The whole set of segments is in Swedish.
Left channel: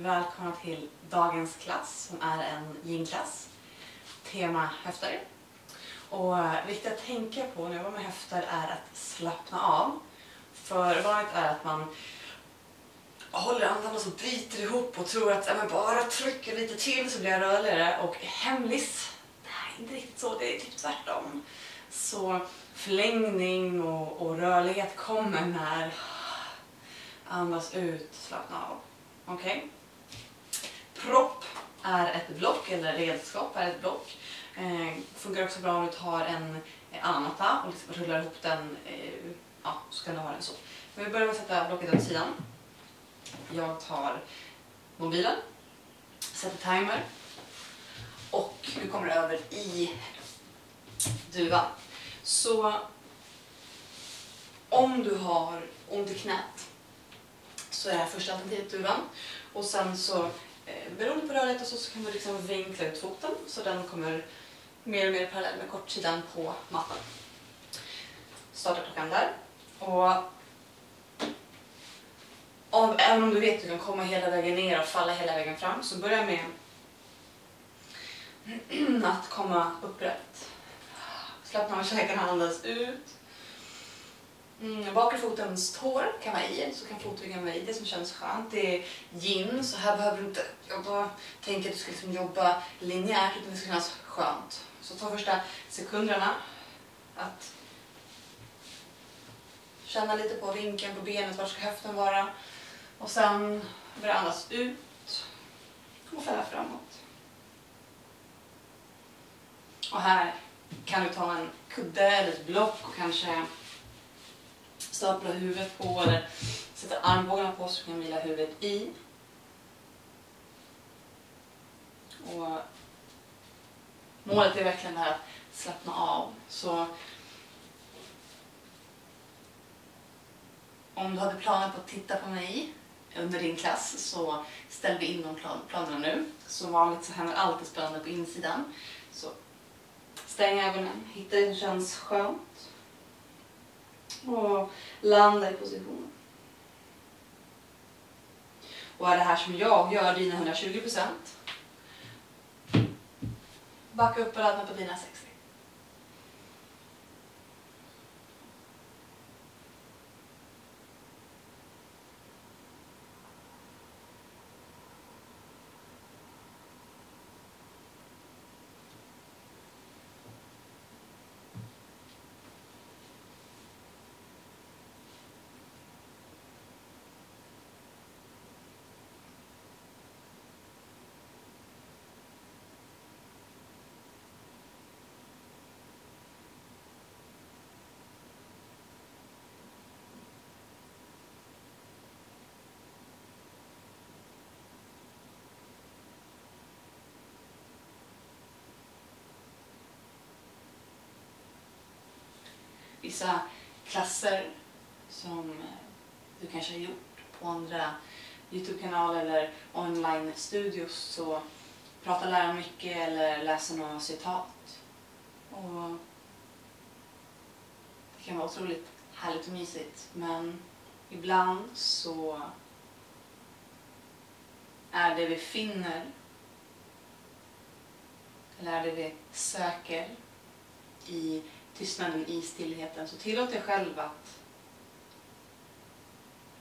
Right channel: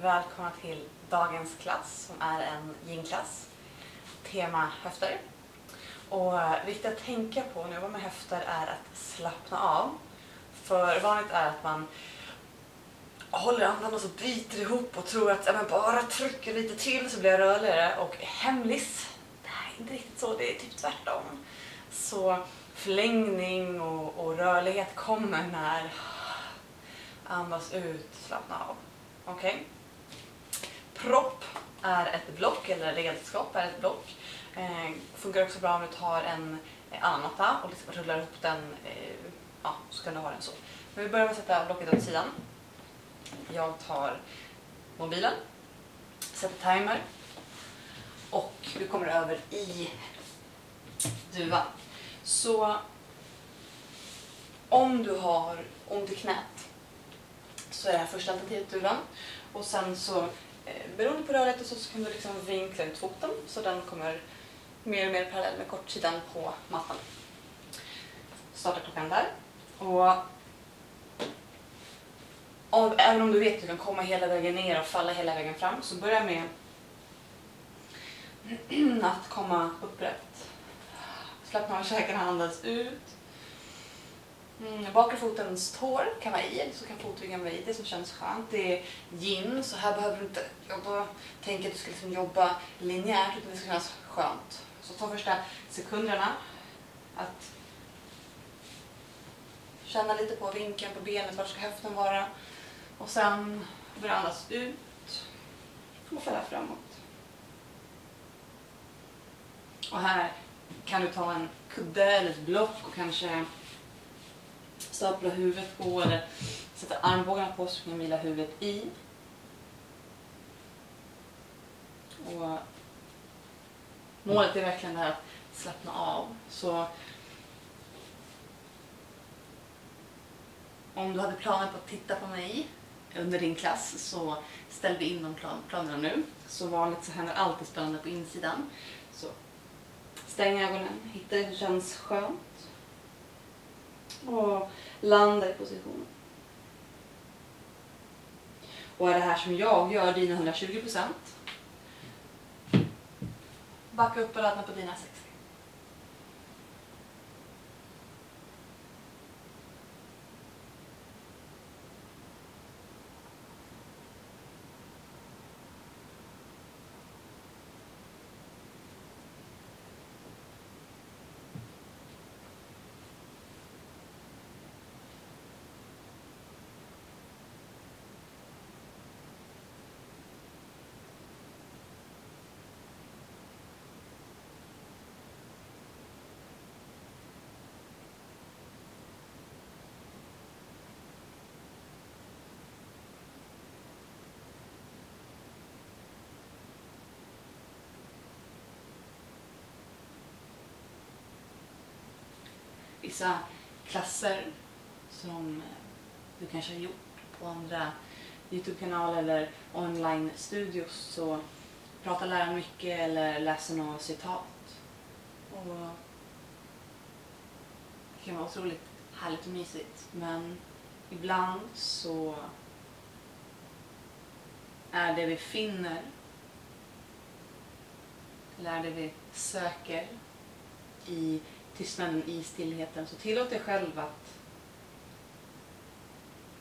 Välkomna till dagens klass som är en yin-klass. Tema höfter. Och viktigt att tänka på när jag jobbar med höfter är att slappna av. För vanligt är att man håller andan och så biter ihop och tror att jag bara trycker lite till så blir jag rörligare. Och hemlis, det här är inte riktigt så, det är typ tvärtom. Så förlängning och rörlighet kommer när andas ut, slappna av. Okej? Propp är ett block, eller redskap är ett block. Funkar också bra om du tar en annan matta och liksom rullar upp den, så kan du ha den så. Men vi börjar med att sätta blocket åt sidan. Jag tar mobilen, sätter timer och vi kommer över i duvan. Så om du har ont i knät så är det här första alternativet duvan. Och sen så beroende på rörlighet och så kan du liksom vinkla ut foten så den kommer mer och mer parallell med kortsidan på mattan. Starta klockan där. Och även om du vet att du kan komma hela vägen ner och falla hela vägen fram så börja med att komma upprätt. Slappna av käkarna, andas ut. Bakre fotens tår kan vara i, så kan fotryggen vara i, det som känns skönt. Det är yin, så här behöver du inte tänka att du ska liksom jobba linjärt utan det ska kännas skönt. Så ta första sekunderna att känna lite på vinkeln på benet, var ska höften vara. Och sen börja andas ut och fälla framåt. Och här kan du ta en kudde eller ett block och kanske stapla huvudet på eller sätta armbågarna på så kan du vila huvudet i. Och målet är verkligen det här att slappna av. Så om du hade planer på att titta på mig under din klass så ställer vi in de planerna nu. Så vanligt så händer alltid spännande på insidan. Så stäng ögonen, hitta det som känns skönt. Och landa i positionen. Och är det här som jag gör dina 120%. Backa upp och ladda på dina 60. Vissa klasser som du kanske har gjort på andra YouTube-kanaler eller online-studios så pratar läraren mycket eller läser några citat. Och det kan vara otroligt härligt och mysigt, men ibland så är det vi finner eller är det vi söker i tystnaden, i stillheten, så tillåt dig själv att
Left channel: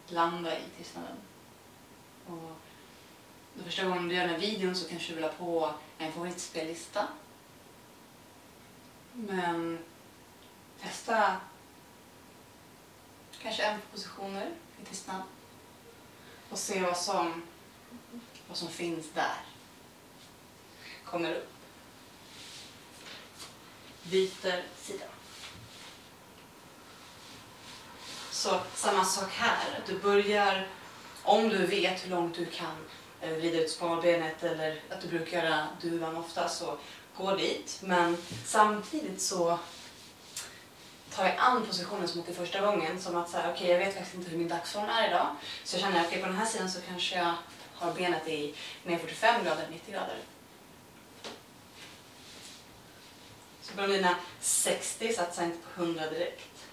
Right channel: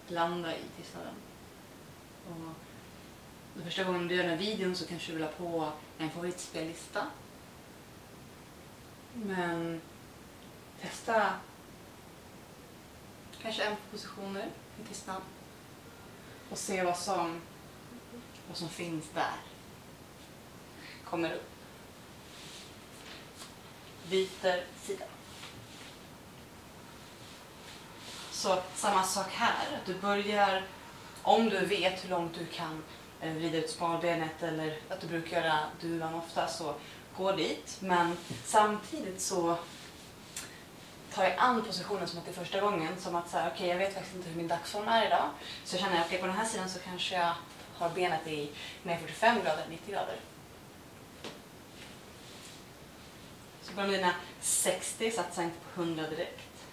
landa i tystnaden. Och den första gången du gör den här videon så kanske du vill ha på en favoritspellista. Men testa kanske en positioner i tystnad och se vad som finns där. Kommer upp. Byter sida. Så samma sak här, att du börjar, om du vet hur långt du kan vrida ut smalbenet eller att du brukar göra duvan ofta, så gå dit. Men samtidigt så tar jag an positionen som att det är första gången, som att säga, okej, jag vet faktiskt inte hur min dagsform är idag. Så känner jag, okej, på den här sidan så kanske jag har benet i 45 grader, 90 grader. Så på dina 60 satsar inte på 100 direkt.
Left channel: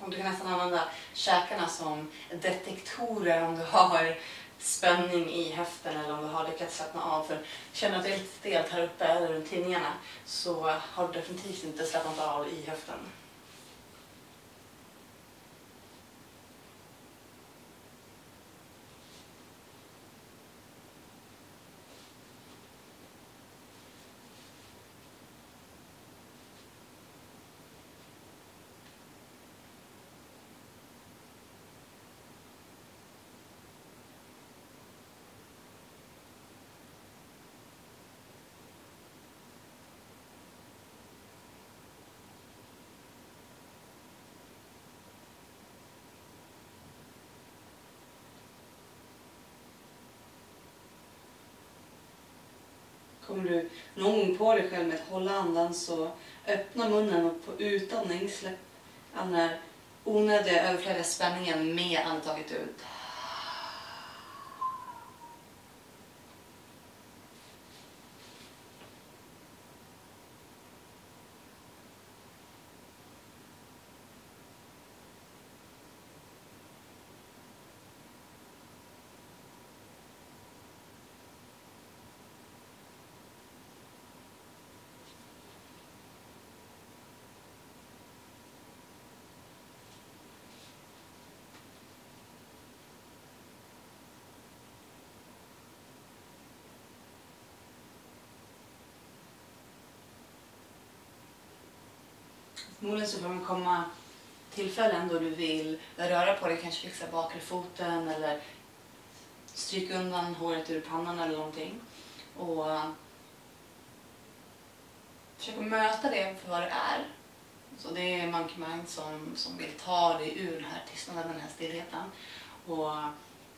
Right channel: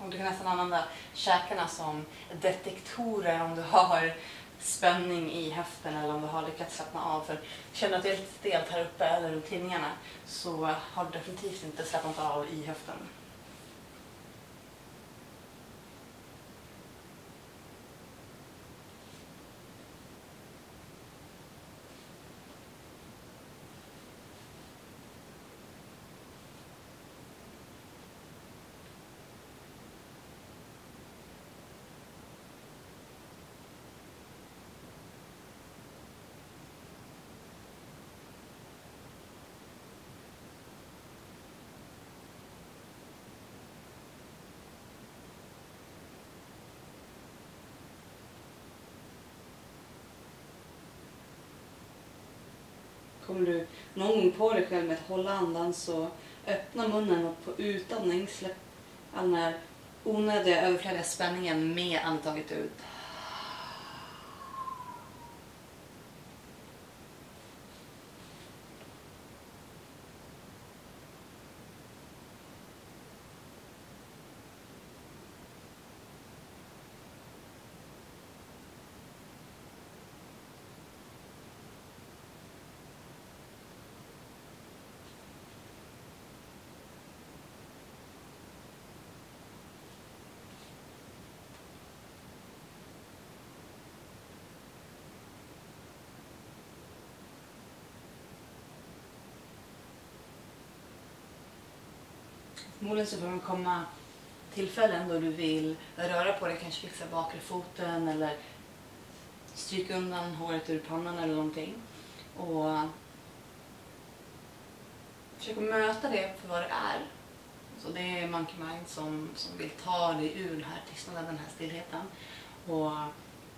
Och du kan nästan använda käkarna som detektorer om du har spänning i höften eller om du har lyckats slappna av. För känner att det är lite stelt här uppe eller runt tinningarna så har du definitivt inte slappnat av i höften. Kommer du någon gång på dig själv med att hålla andan så öppna munnen och på utandning släpp all den här onödiga överflödiga spänningen med andetaget ut. Förmodligen så kommer det komma tillfällen då du vill röra på dig, kanske fixa bakre foten eller stryka undan håret ur pannan eller någonting. Och försöka möta det för vad det är. Så det är Monkey Mind som vill ta dig ur den här tystnaden, den här stillheten. Och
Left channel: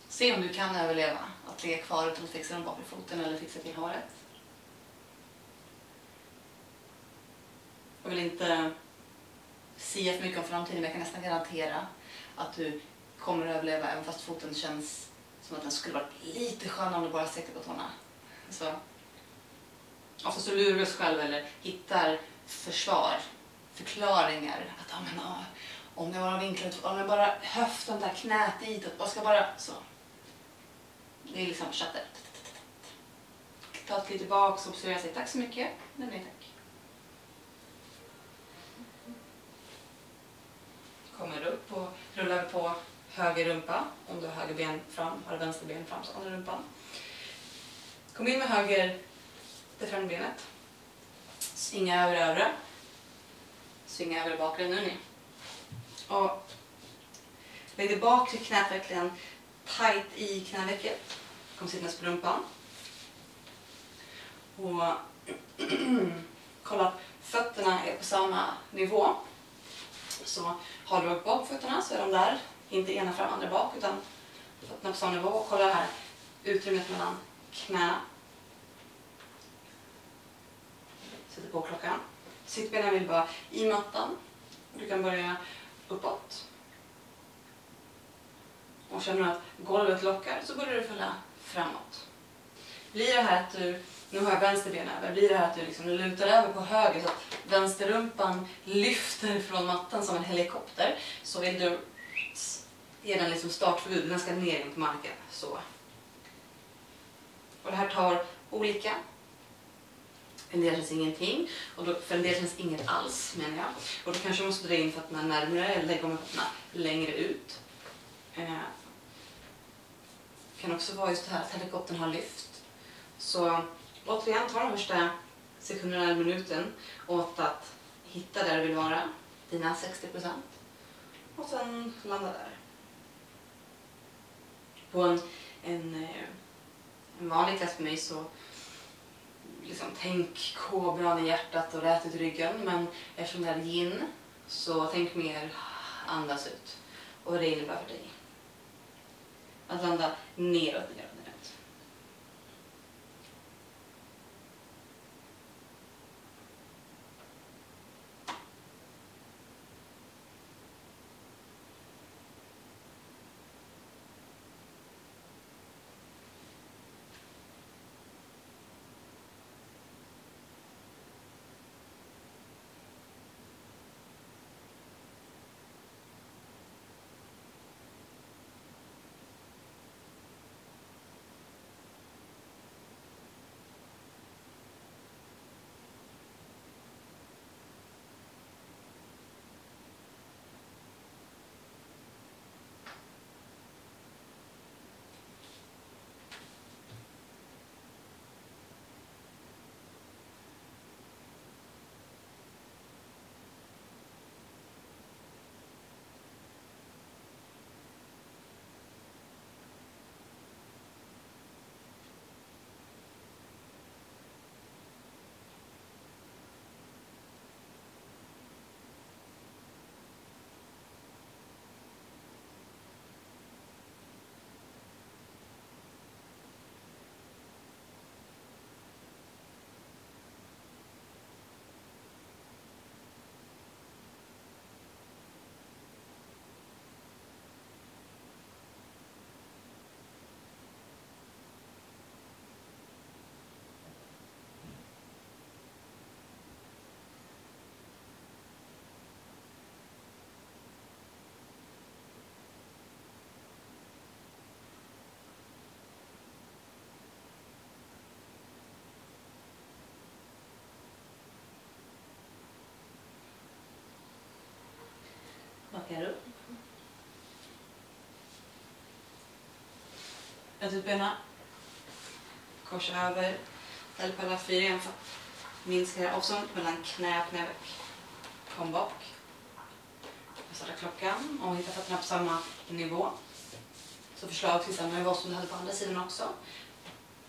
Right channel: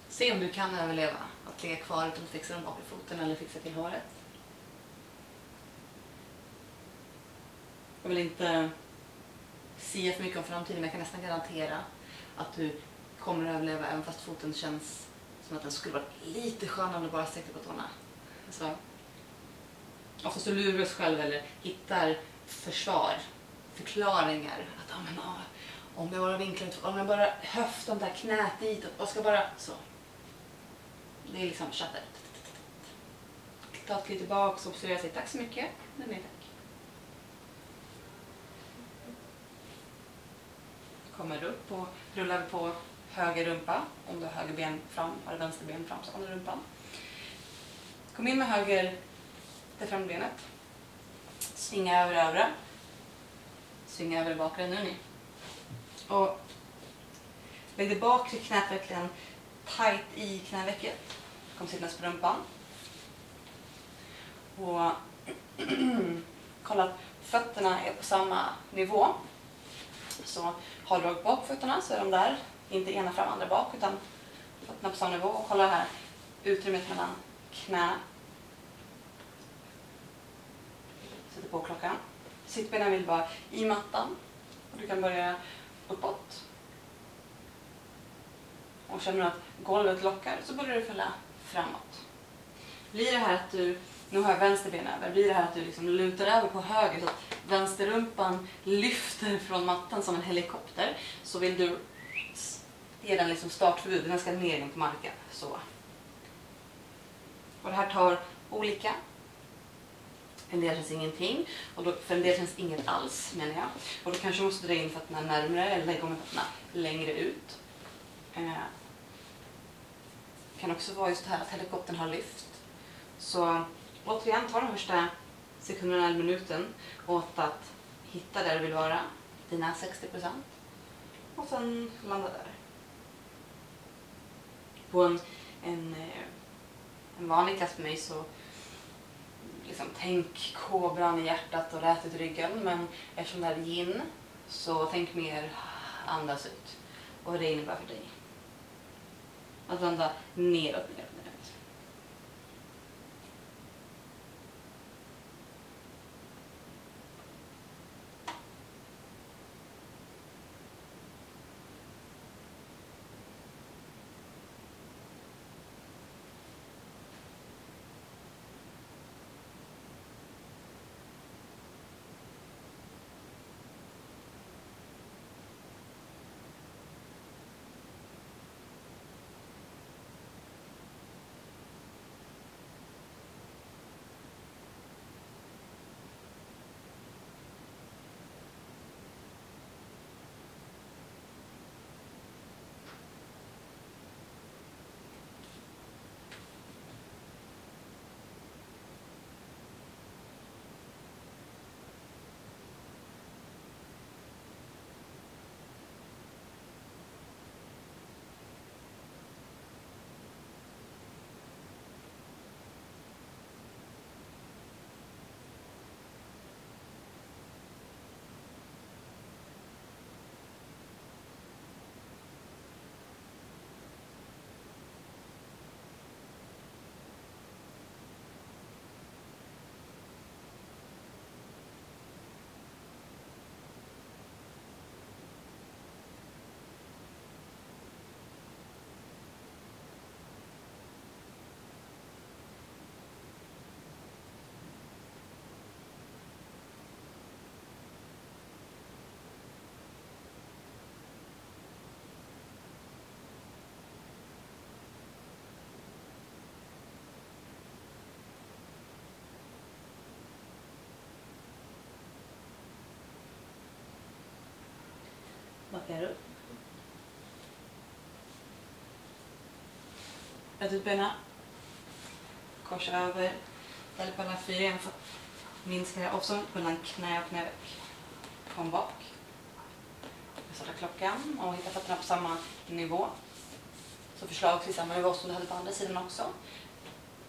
se om du kan överleva att ligga kvar utan att fixa den bakre foten eller fixa till håret. Jag vill inte sia för mycket om framtiden, men jag kan nästan garantera att du kommer att överleva även fast foten känns som att den skulle varit lite skönare om du bara sträckte på tårna. Så oftast du lurar oss själv eller hittar förklaringar. Att om jag bara vinklar ut, om jag bara höftar där knät ditåt, och ska bara så. Det är liksom chatter. Ta ett kliv tillbaka och observera sig. Tack så mycket. Nej, tack. Kommer upp och rullar på höger rumpa. Om du har höger ben fram, har vänster ben fram så kommer rumpan. Kom in med höger det frambenet. Svinga över övre. Svinga över bakre nu ni. Och lägg det bakre knät verkligen tight i knävecket. Kom sitta på rumpan. Och kolla att fötterna är på samma nivå. Så håller du upp bakfötterna så är de där. Inte ena fram, andra bak, utan fötterna på samma nivå. Och kolla här utrymmet mellan knäna. Sätter på klockan. Sittbenen vill bara i mattan. Och du kan börja uppåt. Och känner du att golvet lockar så börjar du fälla framåt. Blir det här att du, nu har jag vänsterben över, blir det här att du liksom lutar över på höger så att vänsterrumpan lyfter från mattan som en helikopter, så vill du ge den liksom startförbud, den ska ner in på marken. Så. Och det här tar olika. En del känns ingenting, och då, för en del känns inget alls menar jag. Och då kanske du måste dra in fötterna närmare eller lägga fötterna längre ut. Det kan också vara just det här att helikoptern har lyft. Så återigen, ta de första sekunderna eller minuten åt att hitta där du vill vara, dina 60%. Och sen landa där. På en vanlig klass för mig så liksom, tänk kobran i hjärtat och rät ut ryggen. Men eftersom det här är yin så tänk mer andas ut. Och det innebär för dig att landa neråt. Rätt ut benen. Korsa över. Ställ på alla 4 igen för att minska avståndet mellan knä och knäveck. Kom bak. Jag startar klockan och hitta fötterna på samma nivå. Så förslagsvis samma nivå som du hade på andra sidan också.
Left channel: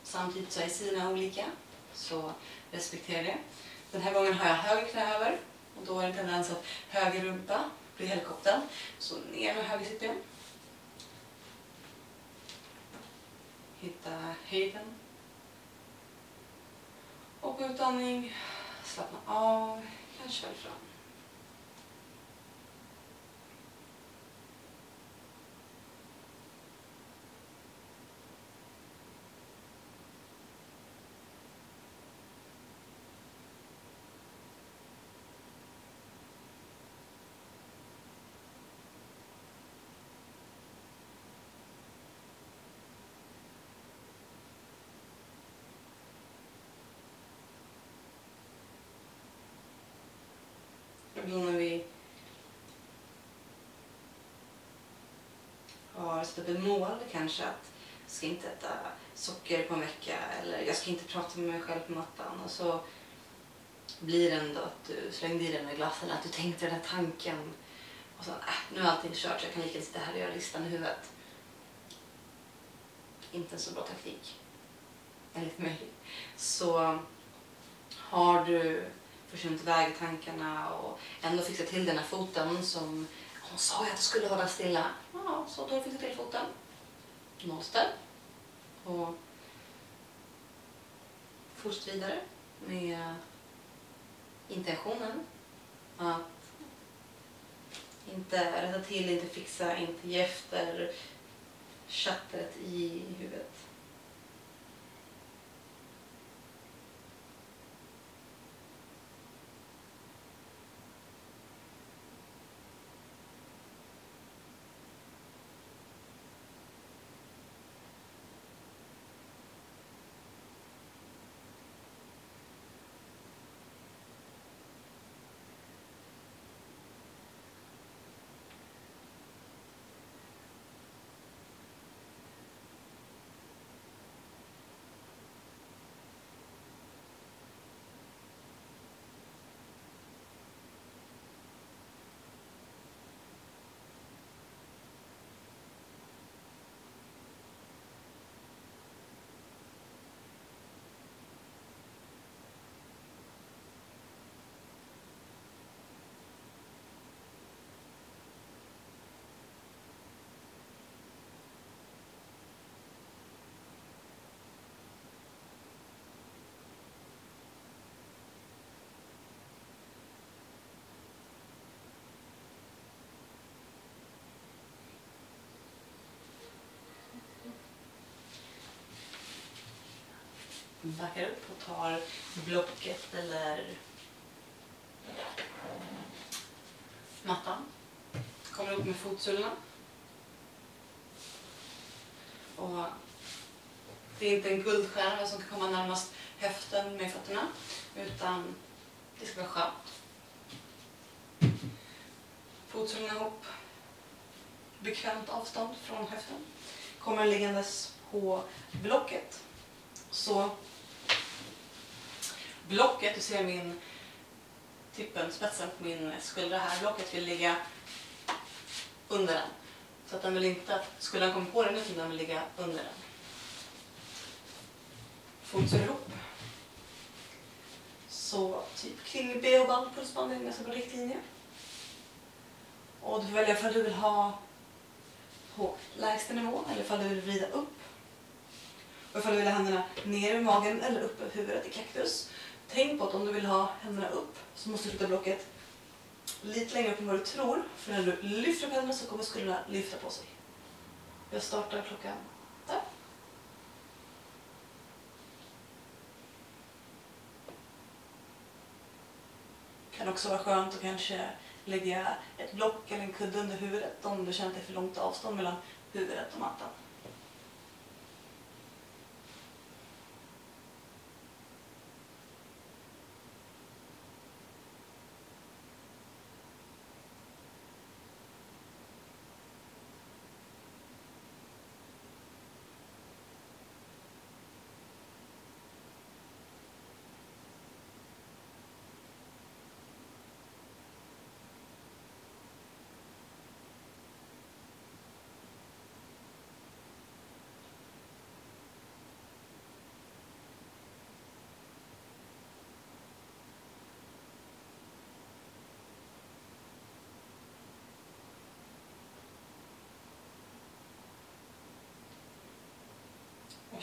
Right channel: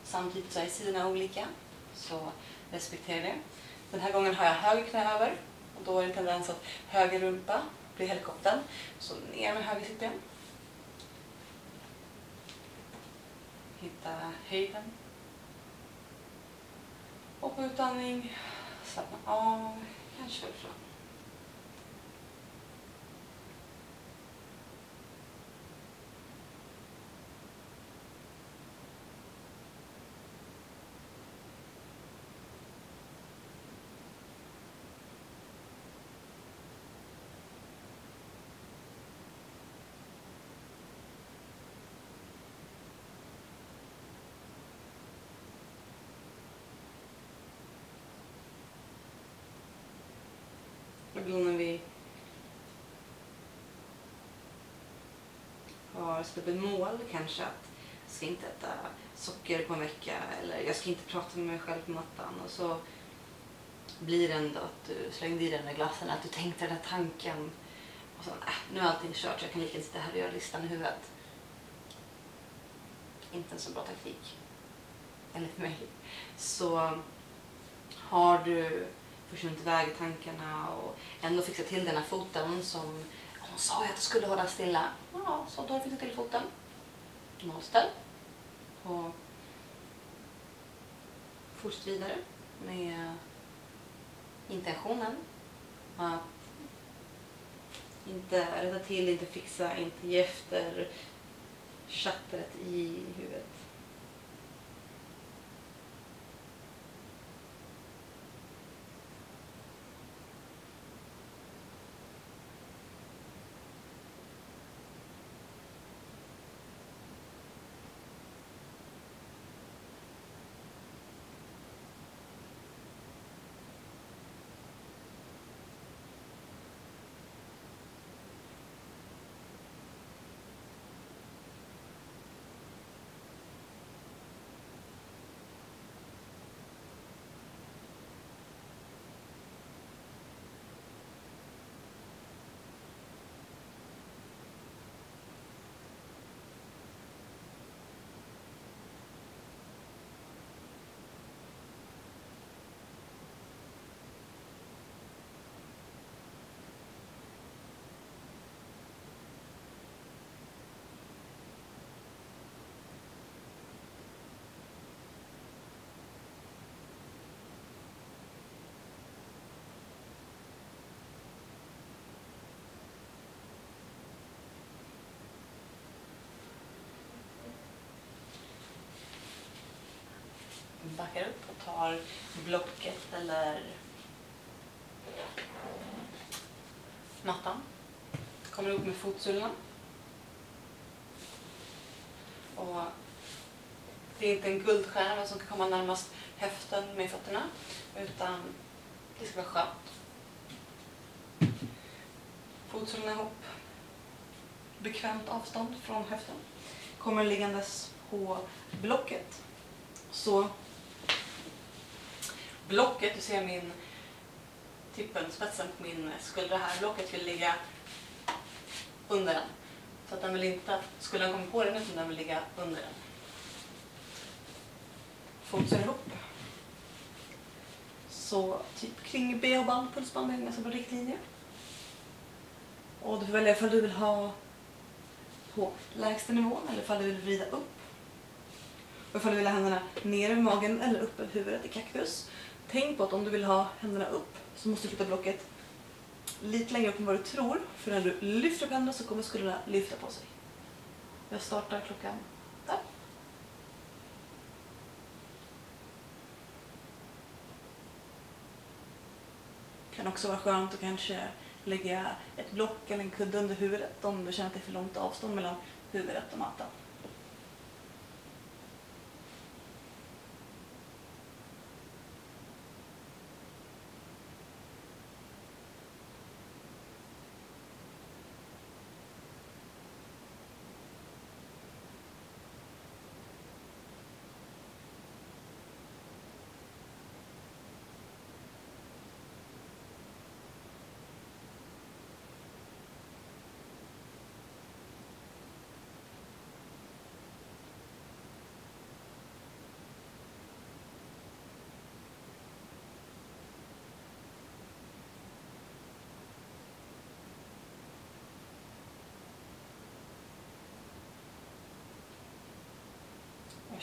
Samtidigt så är sidorna olika. Så respektera det. Den här gången har jag höger knä över. Och då är det en tendens att höger rumpa blir helikoptern. Så ner med höger sittben. Hitta höjden. Och på utandning. Slappna av. Kanske väl fram. Ibland när vi har satt upp ett mål, kanske att jag ska inte äta socker på en vecka eller jag ska inte prata med mig själv på mattan, och så blir det ändå att du slängde i den där glassen, att du tänkte den där tanken och sen nu är allting kört så jag kan lika sitta här och göra listan i huvudet. Inte en så bra taktik enligt mig. Så har du försvunnit iväg tankarna och ändå fixa till den här foten som hon sa att jag skulle hålla stilla. Ja, så då fick du till foten. Nollställ. Och fortsätt vidare med intentionen att inte rätta till, inte fixa, inte ge efter chattret i huvudet. Backar upp och tar blocket eller mattan. Kommer upp med fotsulorna. Och det är inte en guldstjärna som kan komma närmast höften med fötterna, utan det ska vara skönt. Fotsulorna ihop. Bekvämt avstånd från höften. Kommer liggandes på blocket. Så blocket, du ser min tippen, spetsen på min skuldra här. Blocket vill ligga under den. Så att den vill inte att skulden kommer på den, utan den vill ligga under den. Fotsulor ihop. Så typ kring bh-band, pulsband är nästan på riktlinje. Och du får välja ifall du vill ha på lägsta nivå eller ifall du vill vrida upp. Och ifall du vill ha händerna ner i magen eller upp över huvudet i kaktus. Tänk på att om du vill ha händerna upp så måste du flytta blocket lite längre upp än vad du tror. För när du lyfter upp händerna så kommer skulderna lyfta på sig. Jag startar klockan där. Kan också vara skönt att kanske lägga ett block eller en kudde under huvudet om du känner att det är för långt avstånd mellan huvudet och mattan.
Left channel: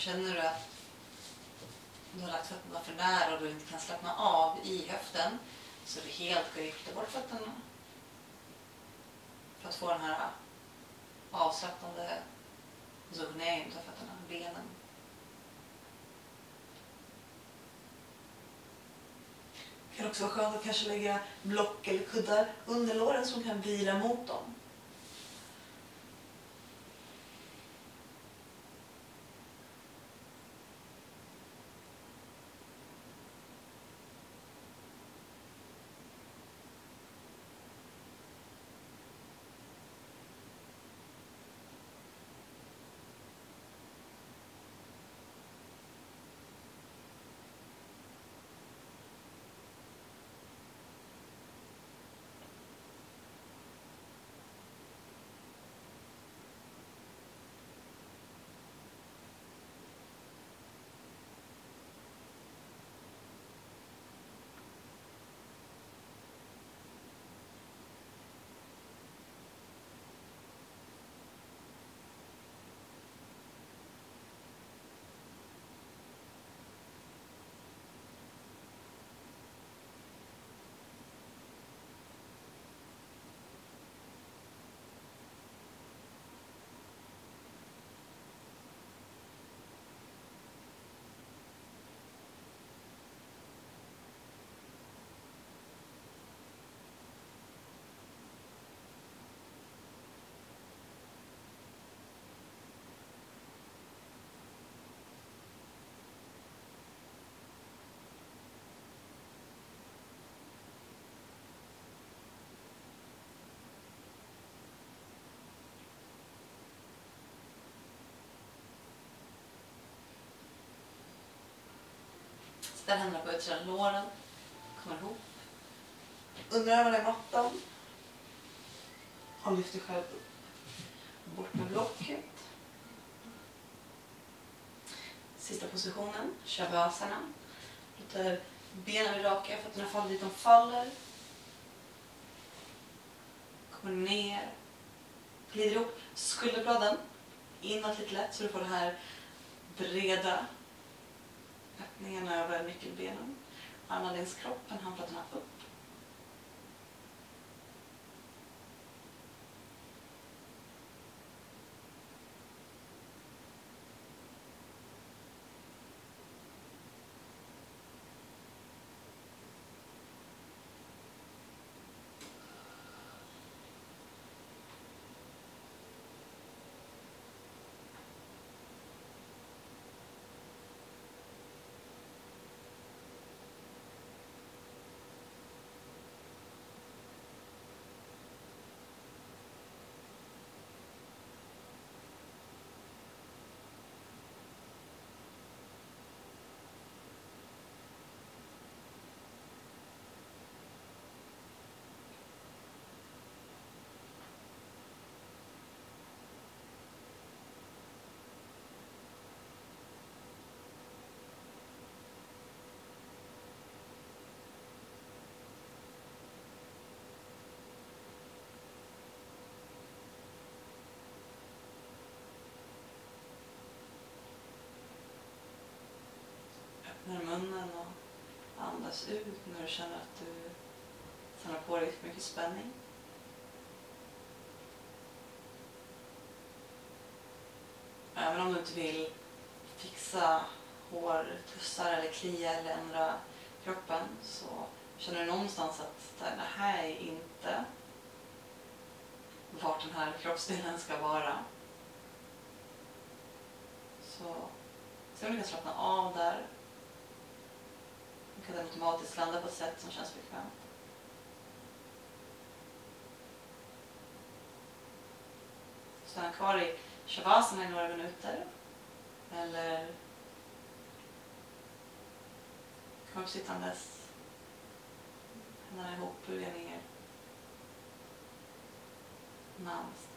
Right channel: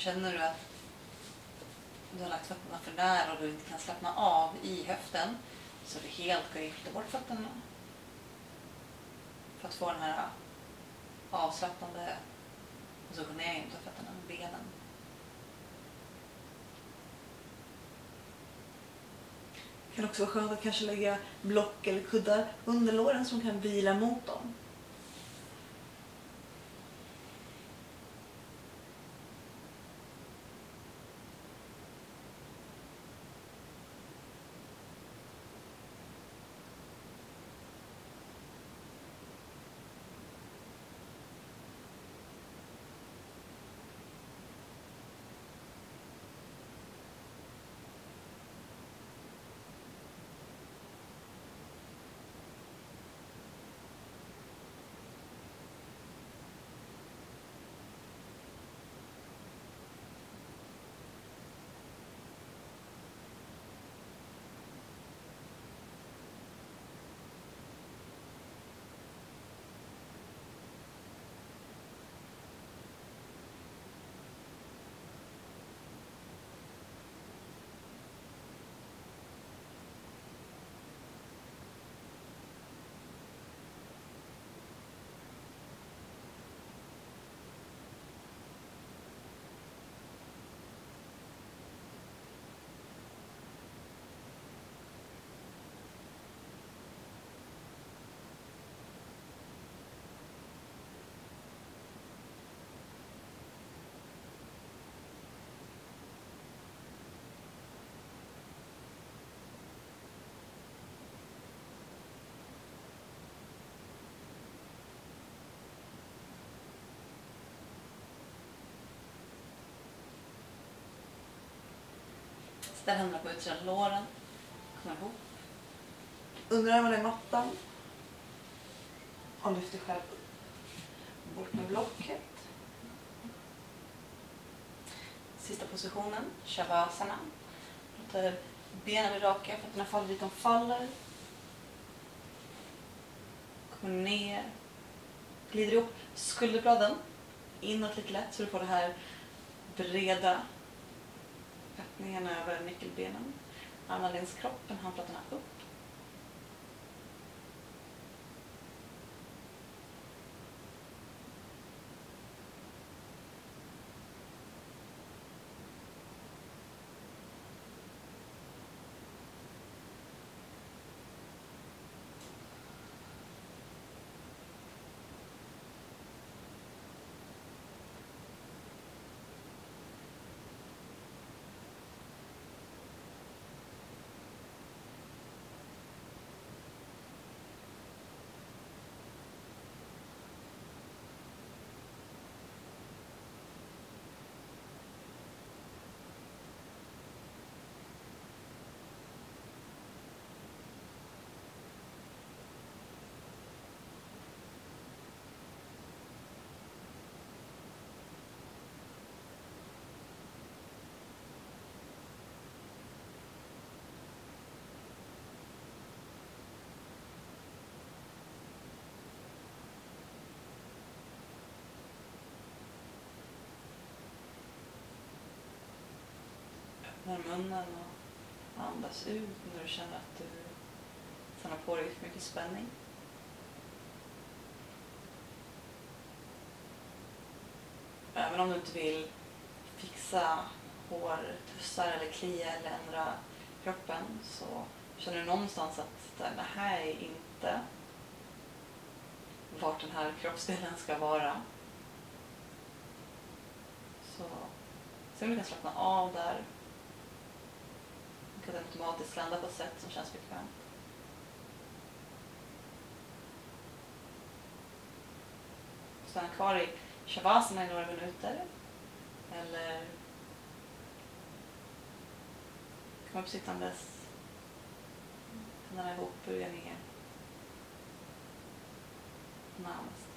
känner du att du har lagt fötterna för nära och du inte kan slappna av i höften, så är det helt okej att lyfta bort fötterna. För att få den här avslappnande zoneringen av fötterna, benen. Det kan också vara skönt att kanske lägga block eller kuddar under låren som kan vila mot dem. Ställ händerna på utsidan låren. Kommer ihop. Underarmarna i mattan. Och lyft dig själv upp. Bort med blocket. Sista positionen. Shavasana. Låter benen bli raka. Fötterna faller dit de faller. Kommer ner. Glider ihop skulderbladen. Inåt lite lätt så du får det här breda öppningen över nyckelbenen. Armarna längs kroppen, handflatorna upp. Öppnar munnen och andas ut när du känner att du samlar på dig för mycket spänning. Även om du inte vill fixa hår, tussar eller klia eller ändra kroppen, så känner du någonstans att det här är inte vart den här kroppsdelen ska vara. Så se om du kan slappna av där. Du kan automatiskt landa på ett sätt som känns bekvämt. Stanna kvar i shavasana i några minuter. Eller kom upp sittandes. Händerna ihop, böja ner. Namaste.